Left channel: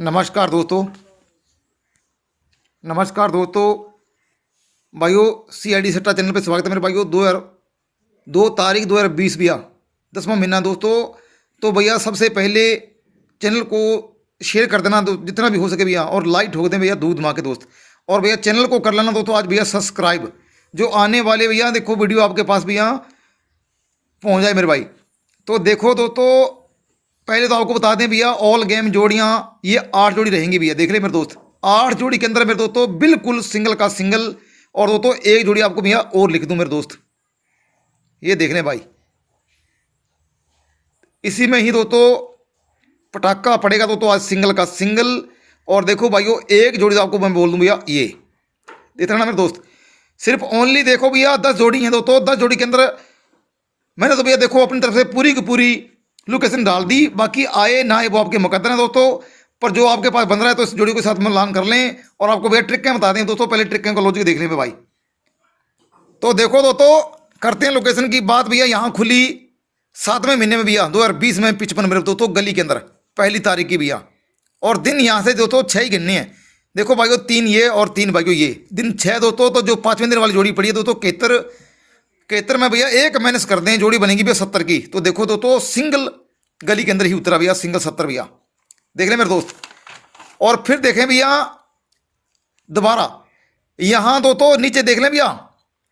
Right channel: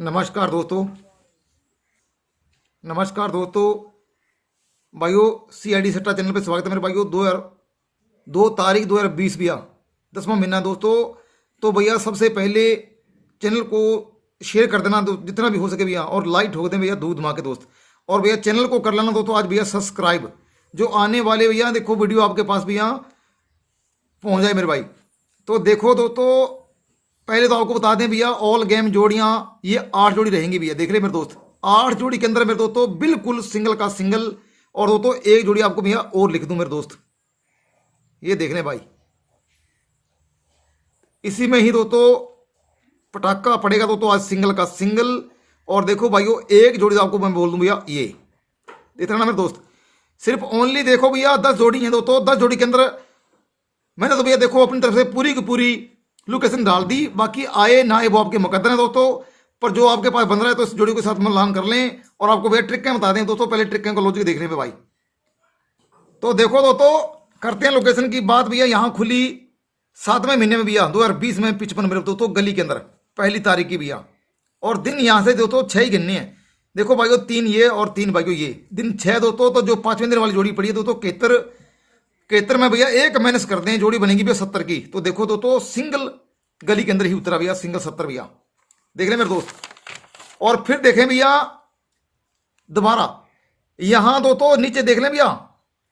नमस्कार दोस्तों। नमस्कार दोस्तों। भाइयों, CID सट्टा चैनल पे स्वागत है मेरे भाइयों। 2 तारीख 2020 भैया, 10वां महीना दोस्तों। तो भैया सबसे पहले चैनल को शेयर कर देना जितना भी हो सके भैया, और लाइक ठोक दें भैया दूध माँ के दोस्त। और भैया चैनल को कर लेना दोस्तों आज भैया सब्सक्राइब, जो आने वाले भैया देखो वीडियो आपके पास भैया पहुँच जाए मेरे भाई। तो देखो दोस्तों, पहले तो आपको बता दें भैया, ऑल गेम जोड़ियाँ ये 8 जोड़ी रहेंगी भैया। देख रहे मेरे दोस्त, 8 जोड़ी के अंदर मेरे दोस्तों बिल्कुल सिंगल का सिंगल। और दोस्तों एक जोड़ी आपको भैया और लिख दूं मेरे दोस्त, ये देख लें भाई। इसी में ही दोस्तों पटाखा पड़ेगा दोस्तों आज सिंगल का सिंगल। और देखो भाइयों, एक जोड़ी तो आपको मैं बोल दूं भैया, ये देख ना मेरे दोस्त, सिर्फ ओनली देखो भैया 10 जोड़ी हैं दोस्तों। 10 जोड़ी के अंदर मैंने तो भैया देखो अपनी तरफ से पूरी की पूरी लोकेशन डाल दी। बाकी आए ना आए वो आपके मुकद्दर है दोस्तों, पर जो आपके पास बन रहा है तो इस जोड़ी के साथ मिलान कर लें। और आपको भैया ट्रिक क्या बता दें दोस्तों, पहले ट्रिक का लॉजिक देख लें भाई। तो देखो दोस्तों, करते हैं लोकेशन की बात भैया। यहाँ खुली 7वें महीने में भैया 2020 में 55 मेरे दोस्तों गली के अंदर, पहली तारीख की भैया। और दिन यहाँ से दोस्तों 6 ही गिनने हैं। देखो भाइयों 3 ये और 3 भाइयों ये, दिन 6 दोस्तों। तो जो 5वें दिन वाली जोड़ी पड़ी है दोस्तों 71 में भैया एक माइनस कर दें, जोड़ी बनेगी भैया 70 की। तो देखो दोस्तों सिंगल गली के अंदर ही उतरा भैया, सिंगल 70 भैया, देख रहे मेरे दोस्त। और फिर देखें भैया दोबारा यहाँ दोस्तों नीचे देख लें भैया,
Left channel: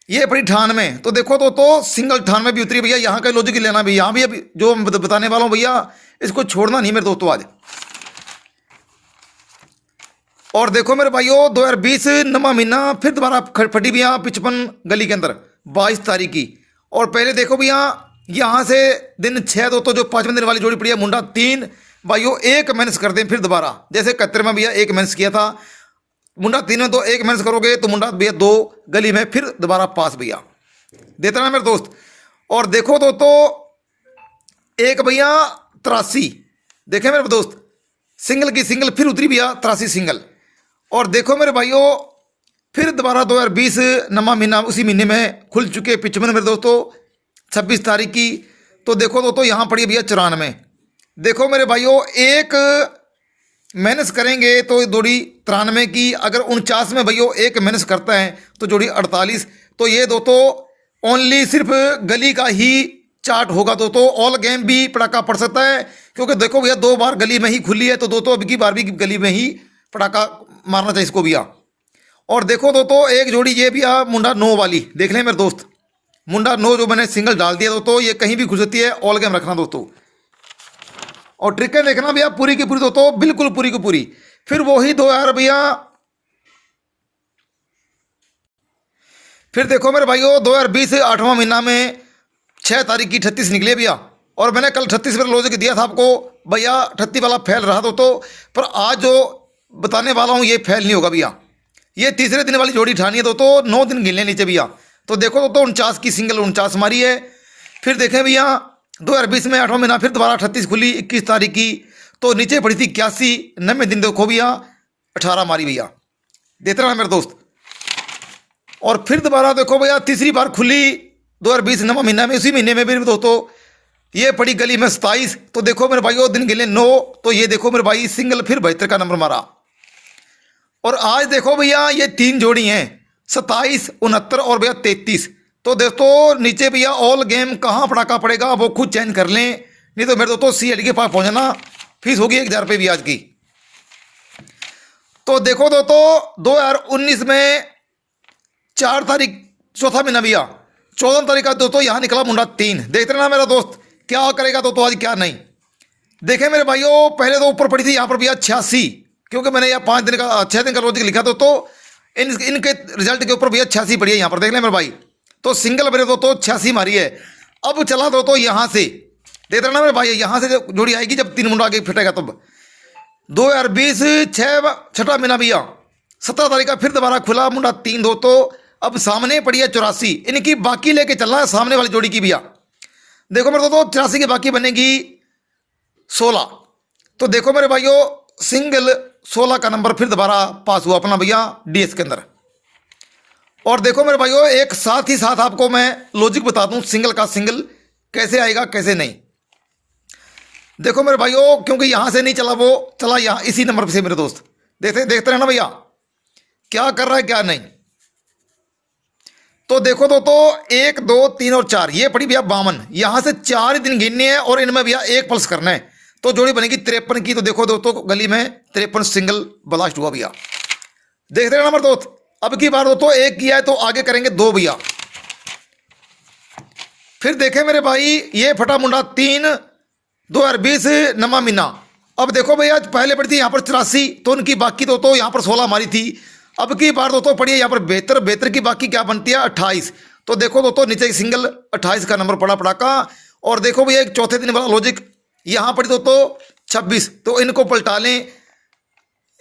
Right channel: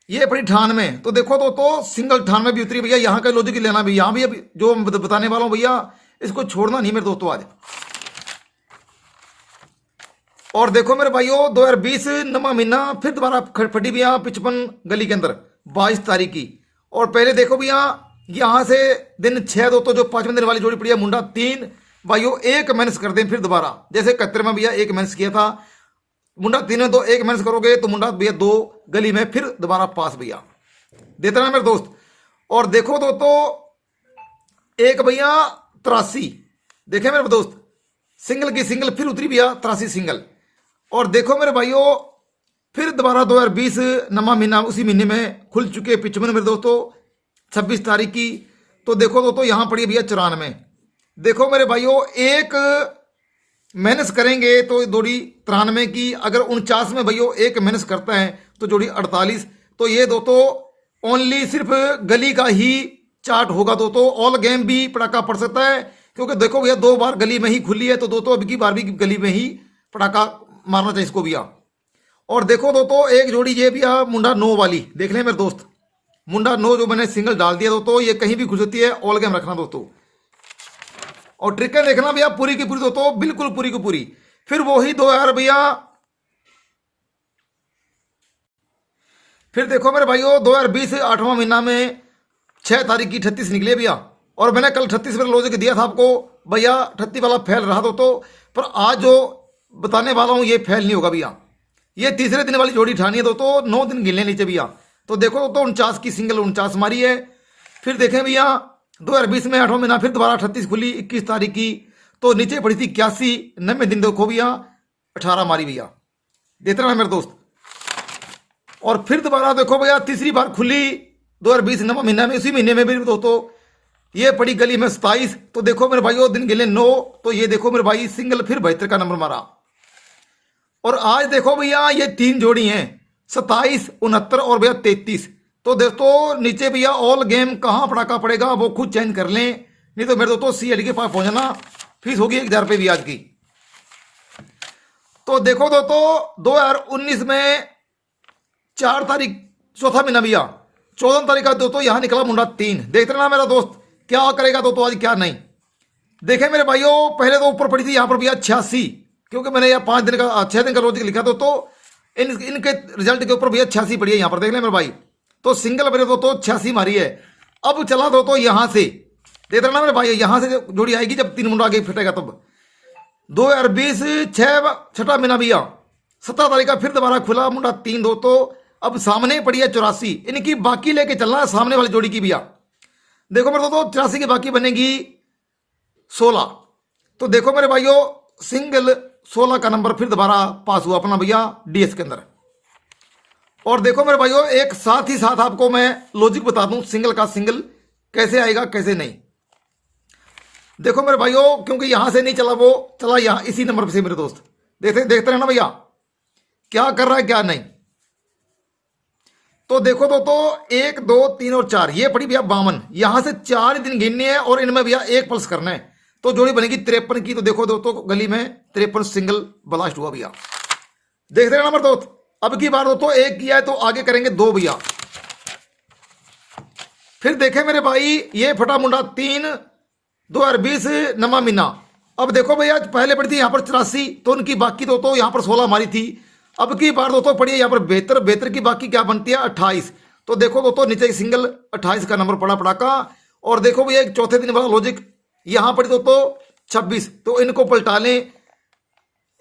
ये पड़ी 98 में। तो देखो दोस्तों सिंगल 98 में भी उतरी भैया। यहाँ का लॉजिक लेना भी, यहाँ भी अभी जो बताने वाला हूँ भैया इसको छोड़ना नहीं मेरे दोस्तों आज। और देखो मेरे भाइयों 2020 9वां महीना फिर दोबारा फटी भैया 55 गली के अंदर 22 तारीख की। और पहले देखो भैया यहाँ से दिन 6 दोस्तों, जो 5वें दिन वाली जोड़ी पड़ी है मुंडा 3 भाइयों एक माइनस कर दें फिर दोबारा। जैसे 71 में भैया एक माइनस किया था, मुंडा 3 में तो एक माइनस करोगे तो मुंडा भैया 2 गली में फिर दोबारा पास भैया, देते ना मेरे दोस्त। और देखो दोस्तों एक भैया 83, देखे मेरे दोस्त सिंगल की सिंगल फिर उतरी भैया 83 सिंगल। और देखो मेरे भाइयों फिर दोबारा 2020 9वां महीना उसी महीने में खुल चुके 55 मेरे दोस्तों 26 तारीख की। तो देखो दोस्तों यहाँ पड़ी भैया 94। देखो मेरे भाइयों एक माइनस करेंगे तो जोड़ी 93 की, अगर 49 में भाइयों एक माइनस करता है तो जोड़ी 48। तो ये दोस्तों ओनली सिर्फ गली का ही चार्ट होगा दोस्तों। ऑल गेम भी पटाखा पड़ सकता है, क्योंकि देखो भैया 2 बार गली में ही खुली है। तो दोस्तों अब की बार भी गली में ही पटाखा मारना चाहिए इसको भैया। और देखो दोस्तों एक जोड़ी ये भी मुंडा 9 वाली, देख लें मेरे दोस्त, मुंडा 9 जो मैंने सिंगल डाल दिया दोस्तों, ये कहीं भी घुस सकती है, ऑल गेम रखना दोस्तों। और ट्रिकें देखना भैया पूरी की पूरी दोस्तों, बिल्कुल पूरी की पूरी। फिर वही 2000 भैया, फिर देखो मेरे भाइयों 2020 8वां महीना में 6 तारीख की 38 निकले भैया। और मैंने कल 38 पर लॉजिक दिया था आपको भैया, 38 वाला फेल रहा दोस्तों। पर आज जो बताने वाला हूँ ये फेल नहीं होगा भैया। ये तीसरे दिन वाली जोड़ी ठानी है दोस्तों, 9 दिन गिनने नीचे भैया। तो देखो दोस्तों 49 की सिंगल 49 मारी है। फिर देखें भैया 2020 में 8वां महीना फिर दोबारा 38 खुली 21 तारीख की। तो नीचे पड़ी थी 81, 90 दिन देखो भैया 18 मारी भैया, देते रहा मेरे दोस्त। और फिर दोबारा देखो भैया तीसरी बार खुली 2020 9वां महीना में, इसी महीने में भी दोस्तों ये पड़ी गली में 27। तो देखो मेरे भाइयों दिन गिले 9। तो ये देखो मेरे भाई सिंगल फिर 72 का नंबर मारा। और आज देखो भैया ये 3 जोड़ी हैं 27, 69 और भैया 33। तो दोस्तों नीचे भैया ऑल गेम कहाँ पटाखा पड़ेगा वो खुद चेंज कर लें, नहीं तो मेरे दोस्तों CID के पास पहुंचना, फीस होगी 1000 रुपये भी आज की। तो देखो दोस्तों 2019 में 4 तारीख चौथा महीना भैया 14 तारीख का दोस्तों यहाँ निकला मुंडा 3, देखते रहना मेरा दोस्त क्या करेगा दोस्तों आज क्या नहीं। देखे मेरे भाइयों पहले तो ऊपर पड़ी थी यहाँ पर भैया 86, क्योंकि मैंने यह 5 दिन का 6 दिन का लॉजिक लिखा दोस्तों, इनके रिजल्ट के ऊपर भैया 86 पड़ी है यहाँ पर, देख लें मेरे भाई। तो सिंगल मेरे दोस्तों 86 मारी है। अब चला दोस्तों यहाँ से, देख रहे ना मेरे भाई, यहाँ से जोड़ी आएगी जब 3 मुंडा आगे फिटेगा तब। 2020 छठा महीना भैया 17 तारीख का फिर दोबारा खुला मुंडा 3 दोस्तों। अब सामने पड़ी है 84, इनकी बाकी लेके चलना है सामने वाली जोड़ी की भैया। देखो मेरे दोस्तों 84 की बाकी बनेगी 16। तो देखो मेरे भाइयों सिंगल 16 का नंबर फिर दोबारा पास हुआ अपना भैया DS के अंदर। और देखो मेरे भाइयों एक साथ ही साथ आपको मैं लॉजिक बता दूं सिंगल का सिंगल कैसे आएगा कैसे नहीं। देखो मेरे भाइयों, क्योंकि यहाँ से नहीं चला, वो चला यहाँ इसी नंबर से मेरे दोस्त। देखते देखते रहना भैया क्या कर रहा है क्या नहीं। तो देखो दोस्तों, 1 2 3 और 4 ये पड़ी भैया 52। यहाँ से 4 ही दिन गिनने हैं और इनमें भैया एक पल्स करना है, तो जोड़ी बनेगी 53 की। तो देखो दोस्तों, गली में 53 सिंगल ब्लास्ट हुआ भैया। देखते रहना नंबर दोस्त। अब की बार दोस्तों एक किया है तो आगे करेंगे 2 भैया। फिर देखें मेरे भाई, ये फटा मुंडा 3 2020 नमा मीना। अब देखो भैया, पहले पड़ी थी यहाँ पर 84, तो उनकी बाकी दोस्तों यहाँ पर 16 मारी थी। अब की बार दोस्तों पड़ी है यहाँ पर 72, 72 की बाकी क्या बनती है 28। तो देखो दोस्तों, नीचे सिंगल 28 का नंबर पड़ा पड़ाका। और देखो भैया, एक चौथे दिन वाला लॉजिक यहाँ पड़ी दोस्तों 26, तो इनको पलटा लें,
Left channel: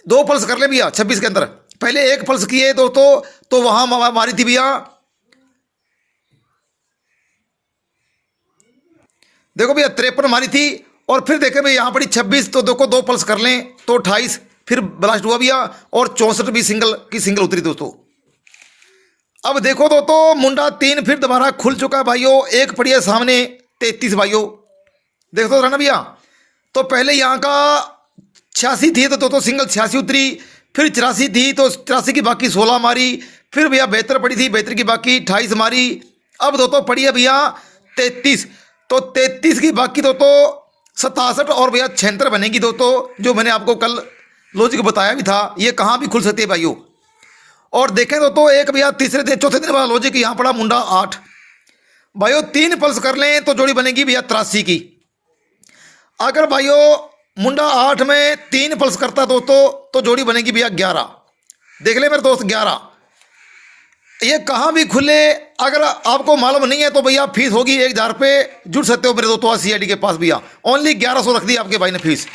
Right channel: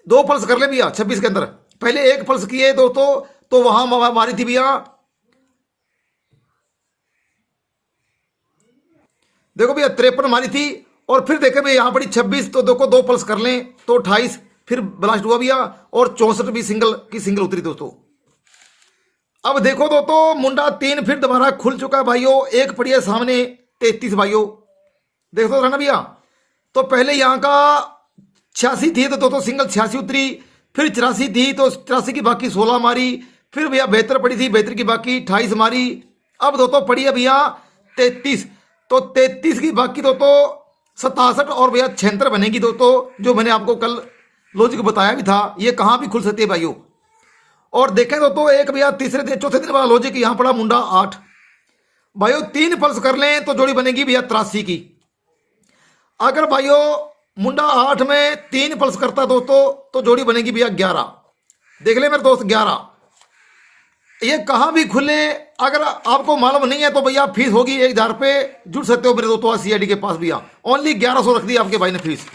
2 पल्स कर ले भैया 26 के अंदर। पहले 1 पल्स किए दोस्तों, तो वहां मारी थी भैया, देखो भैया 53 मारी थी। और फिर देखे भैया यहाँ पड़ी 26, तो देखो 2 पल्स कर लें तो 28 फिर ब्लास्ट हुआ भैया। और 64 भी सिंगल की सिंगल उतरी दोस्तों। अब देखो दोस्तों, मुंडा 3 फिर दोबारा खुल चुका है भाइयों, एक पड़ी है सामने 33 भाइयों। देखो तो रहना भैया, तो पहले यहाँ का 86 थी तो दोस्तों सिंगल 86 उतरी, फिर 84 थी तो 84 की बाकी 16 मारी, फिर भैया 72 पड़ी थी, 72 की बाकी 28 मारी। अब दोस्तों पड़ी है भैया 33, तो 33 की बाकी दोस्तों 67 और भैया 76 बनेगी दोस्तों, जो मैंने आपको कल लॉजिक बताया भी था। ये कहाँ भी खुल सकती है भाइयों। और देखें दोस्तों, एक भैया तीसरे दिन चौथे दिन वाला लॉजिक यहाँ पड़ा मुंडा 8 भाइयों, 3 पल्स कर लें तो जोड़ी बनेगी भैया 83 की। अगर भाइयों मुंडा 8 में 3 पल्स करता दोस्तों, तो जोड़ी बनेगी भैया 11। देख ले मेरे दोस्त 11। ये कहाँ भी खुले, अगर आपको मालूम नहीं है तो भैया फीस होगी 1000 पे, जुड़ सकते हो मेरे दोस्तों CID के पास भैया। ओनली 1100 रख दी आपके भाई ने फीस।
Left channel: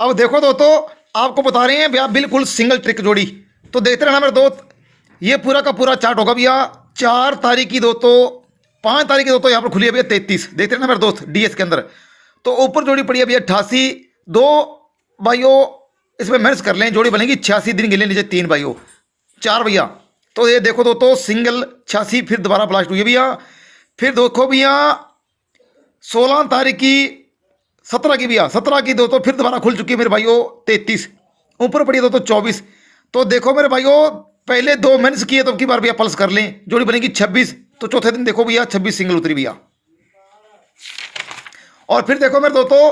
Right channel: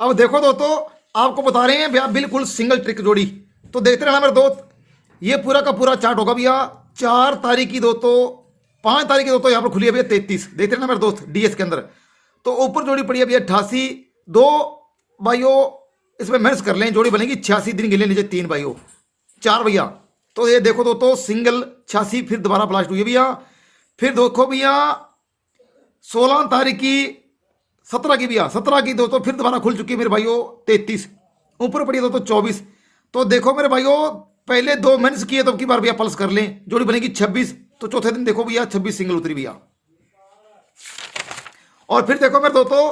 अब देखो दोस्तों, आपको बता रहे हैं भैया बिल्कुल सिंगल ट्रिक जोड़ी, तो देखते रहना मेरे दोस्त। ये पूरा का पूरा चार्ट होगा भैया। 4 तारीख की दोस्तों, 5 तारीख की दोस्तों यहाँ पर खुली है भैया 33। देखते रहना मेरे दोस्त DS के अंदर। तो ऊपर जोड़ी पड़ी है भैया 88, 2 भाइयों इसमें मैच कर लें, जोड़ी बनेगी 86 दिन गिने, नीचे 3 भाइयों 4 भैया। तो ये देखो दोस्तों, सिंगल 86 फिर दोबारा ब्लास्ट हुई है भैया। फिर देखो भैया 16 तारीख की, 17 की भैया, 17 की दोस्तों फिर दोबारा खुल चुकी है मेरे भाइयों 33, ऊपर पड़ी है दोस्तों 24। तो देखो मेरे भाइयों, पहले 2 मेंस किए तो अब की बार भैया पल्स कर लें, जोड़ी बनेगी 26। तो चौथे दिन देखो भैया 26 सिंगल उतरी भैया। और फिर देखो मेरे दोस्तों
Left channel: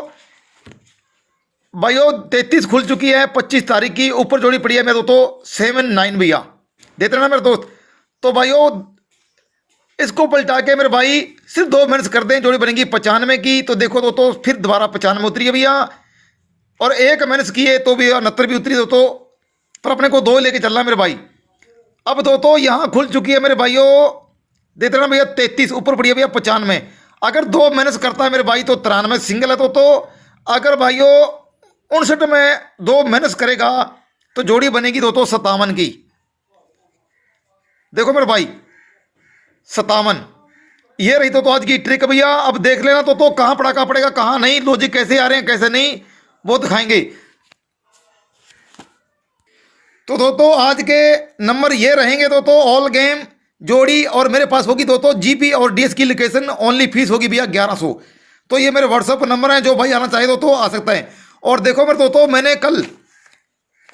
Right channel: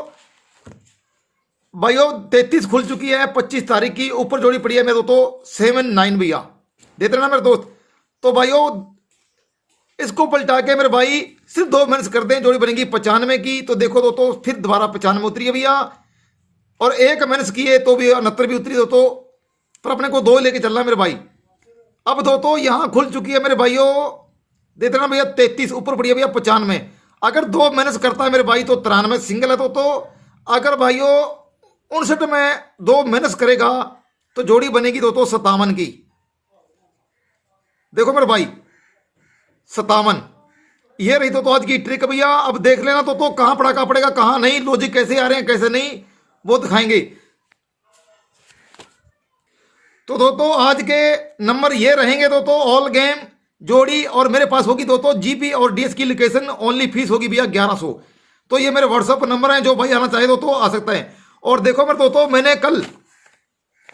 भाइयों 33 खुल चुकी है 25 तारीख की, ऊपर जोड़ी पड़ी है मेरे दोस्तों 7 9 भैया। देते रहना मेरे दोस्त। तो भाइयों इसको पलटा के मेरे भाई सिर्फ 2 मिनट्स कर दें, जोड़ी बनेगी 95 की। तो देखो दोस्तों, फिर दोबारा 95 उतरी है भैया। और 1 मिनट्स किए तो भैया 69 भी उतरी दोस्तों, पर अपने को 2 लेके चलना मेरे भाई। अब दोस्तों यहाँ खुल चुकी है मेरे भाइयों, देते रहना भैया 33, ऊपर पड़ी है भैया 95। अगर 2 मिनट्स करता है मेरे भाई तो 93 सिंगल है दोस्तों। अगर भाइयों 59 में 2 मिनट्स करेगा तो जोड़ी बनेगी दोस्तों 57 की। देखो मेरे भाई 57, ये रही तो आज की ट्रिक भैया। अब देख लेना तो कहाँ पड़ाका पड़ेगा कहाँ नहीं, लॉजिक कैसे आ रहे हैं कैसे नहीं वो दिखाएंगे। तो दोस्तों आज के नंबर ये रहेंगे दोस्तों, ऑल गेम जोड़ी, और मेरे पास होगी दोस्तों GP और DS की लोकेशन। ओनली फीस होगी भैया 1100। तो ये मेरे व्हाट्सएप नंबर है, जो भाई आना चाहिए दोस्तों आ सकता है। और देखो मेरे दोस्तों, मैंने कल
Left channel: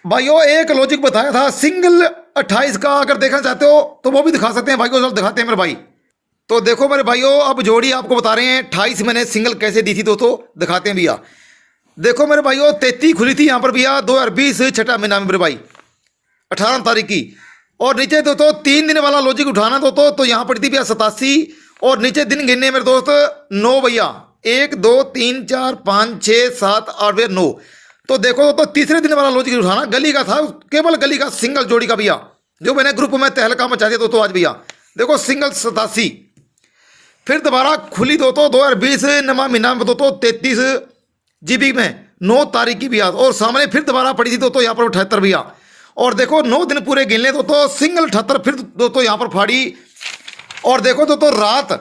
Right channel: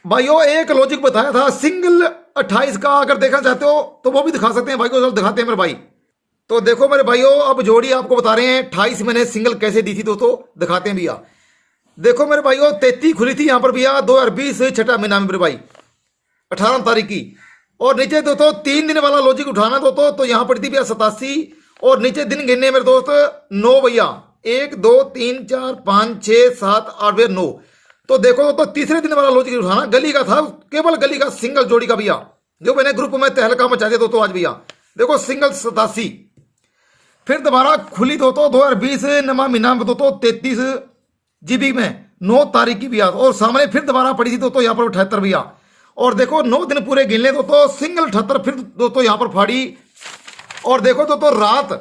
भाइयों एक लॉजिक बताया था सिंगल 28 का, अगर देखना चाहते हो तो वो भी दिखा सकते हैं भाई को, चलो दिखाते हैं मेरे भाई। तो देखो मेरे भाइयों, अब जोड़ी आपको बता रहे हैं 28 मैंने सिंगल कैसे दी थी दोस्तों, दिखाते हैं भैया। देखो मेरे भाइयों 33 खुली थी यहाँ पर भैया 2020 6 महीना में मेरे भाई 18 तारीख की। और नीचे दोस्तों 3 दिन वाला लॉजिक उठाना दोस्तों, तो यहाँ पड़ी थी भैया 87। और नीचे दिन गिनने मेरे दोस्त 9 भैया, 1 2 3 4 5 6 7 8 भैया 9। तो देखो तो तीसरे दिन वाला लॉजिक उठाना, गली का था, केवल गली का सिंगल जोड़ी का भैया, जो मैंने ग्रुप में तहलका मचा दिया दोस्तों आज भैया। देखो सिंगल 87 फिर दोबारा खुली दोस्तों 2020 नमा महीना में दोस्तों 33 GB में 9 तारीख की भैया। और सामने फिर दोबारा पड़ी थी दोस्तों यहाँ पर 78 भैया। और देखो 9 दिन पूरे गिन ले दोस्तों, सिंगल 78 फिर दोस्तों यहाँ पर फाड़ी। और देखो दोस्तों रात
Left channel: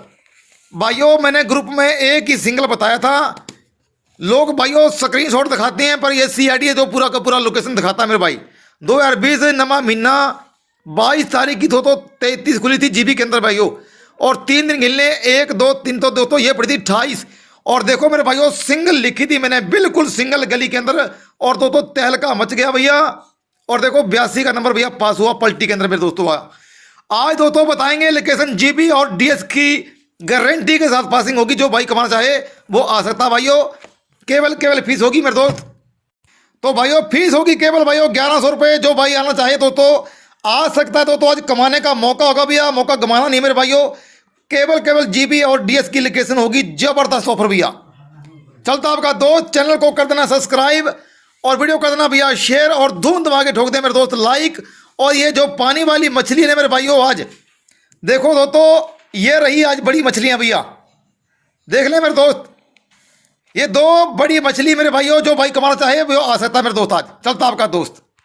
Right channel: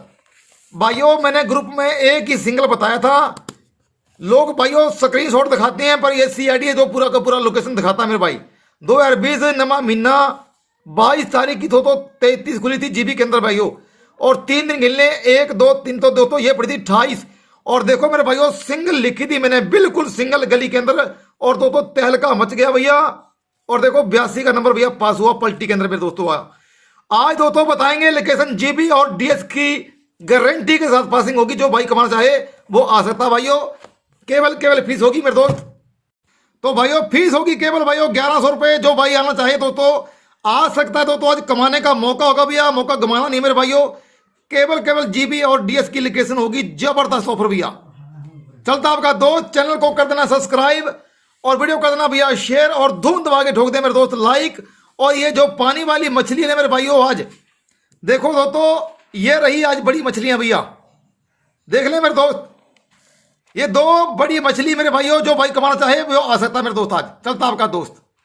भाइयों मैंने ग्रुप में एक ही सिंगल बताया था, लोग भाइयों स्क्रीनशॉट दिखाते हैं, पर ये CID है जो पूरा का पूरा लोकेशन दिखाता है मेरे भाई। 2020 नमा महीना 22 तारीख की दोस्तों 33 खुली थी GB के अंदर भाइयों। और 3 दिन गिनने 1 2 3 तो दोस्तों ये पड़ी थी 28। और देखो मेरे भाइयों सिंगल लिखी थी मैंने, बिल्कुल सिंगल गली के अंदर। और दोस्तों तहलका मच गया भैया। और देखो 82 का नंबर भैया पास हुआ पलटी के अंदर मेरे दोस्तों। आज दोस्तों बताएंगे लोकेशन जीबी और डीएस की गारंटी के साथ पासिंग होगी। जो भाई कमाना चाहे वो आ सकता भाइयों। केवल फीस होगी मेरे दोस्त। तो भाइयों फीस होगी केवल भाइयों 1100 रुपये। जो भाई आना चाहे दोस्तों आ सकता है। दोस्तों आज कमाने का मौका होगा भैया, मौका गंवाना नहीं मेरे भाइयों। केवल जीबी और डीएस की लोकेशन होगी, जबरदस्त ऑफर भैया। चलता आपका दोस्त, चैनल को कर देना सब्सक्राइब और वीडियो कर देना भैया शेयर और धूम दबा के ठोक दे मेरे दोस्त लाइक। और ये जो पानी वाली मछली है मेरे भाइयों, आज देखो दोस्तों ये रही आज बड़ी मछलियां भैया, देख ले मेरे दोस्त। ये 2 बड़ी मछली मेरे भाइयों, जो भाई कमाना चाहे वो आ सकता है मेरे दोस्त। आज चलता आपका दोस्त।